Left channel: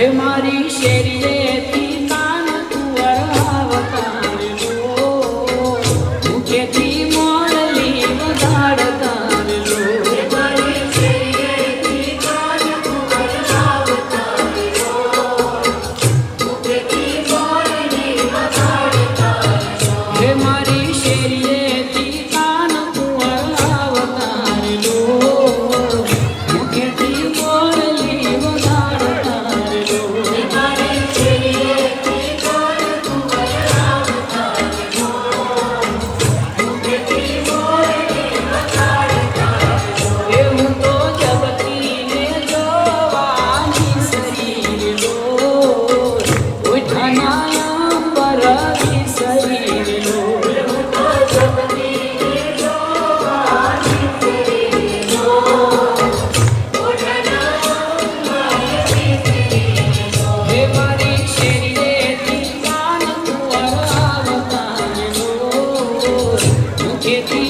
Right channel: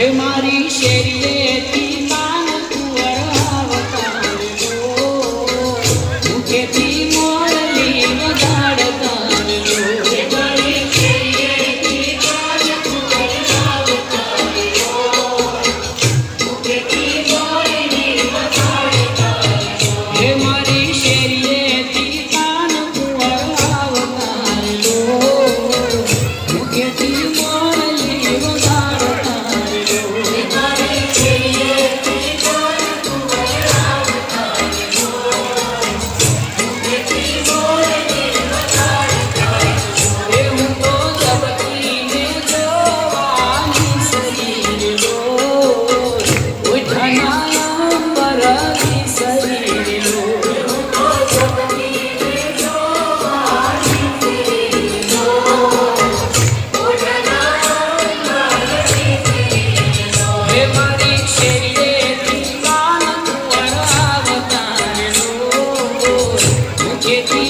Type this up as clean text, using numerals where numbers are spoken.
હે મારી શેરીએથી કાન કુંવર આવતારલો, મુખેથી મોરલી વગાડતારલો. હે મારી શેરીએથી કાન કુંવર આવતારલો, મુખેથી મોરલી વગાડતારલો. હે મારી શેરીએથી કાન કુંવર આવતારલો, મુખેથી મોરલી વગાડતારલો. Get me